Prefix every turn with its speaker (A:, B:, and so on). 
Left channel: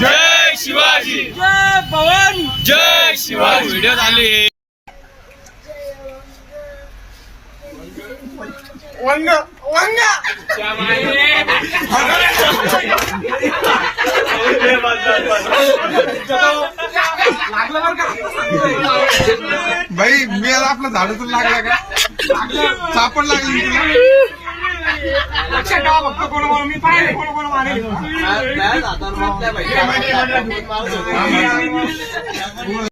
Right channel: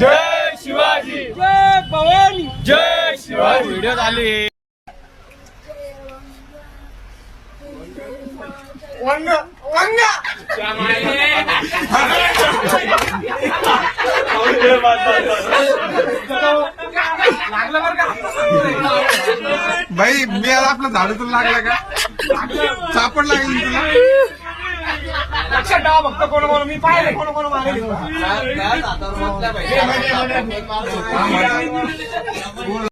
A: जय शिवाजी जय भवानी जय शिवाजी व्हिडिओ झाली
B: बाई मी आपलं झाडू तुला लागला का सापड लागली तुला
C: ठेवा फक्त कोण कोण मी पाहिले कोण कोण मारेल?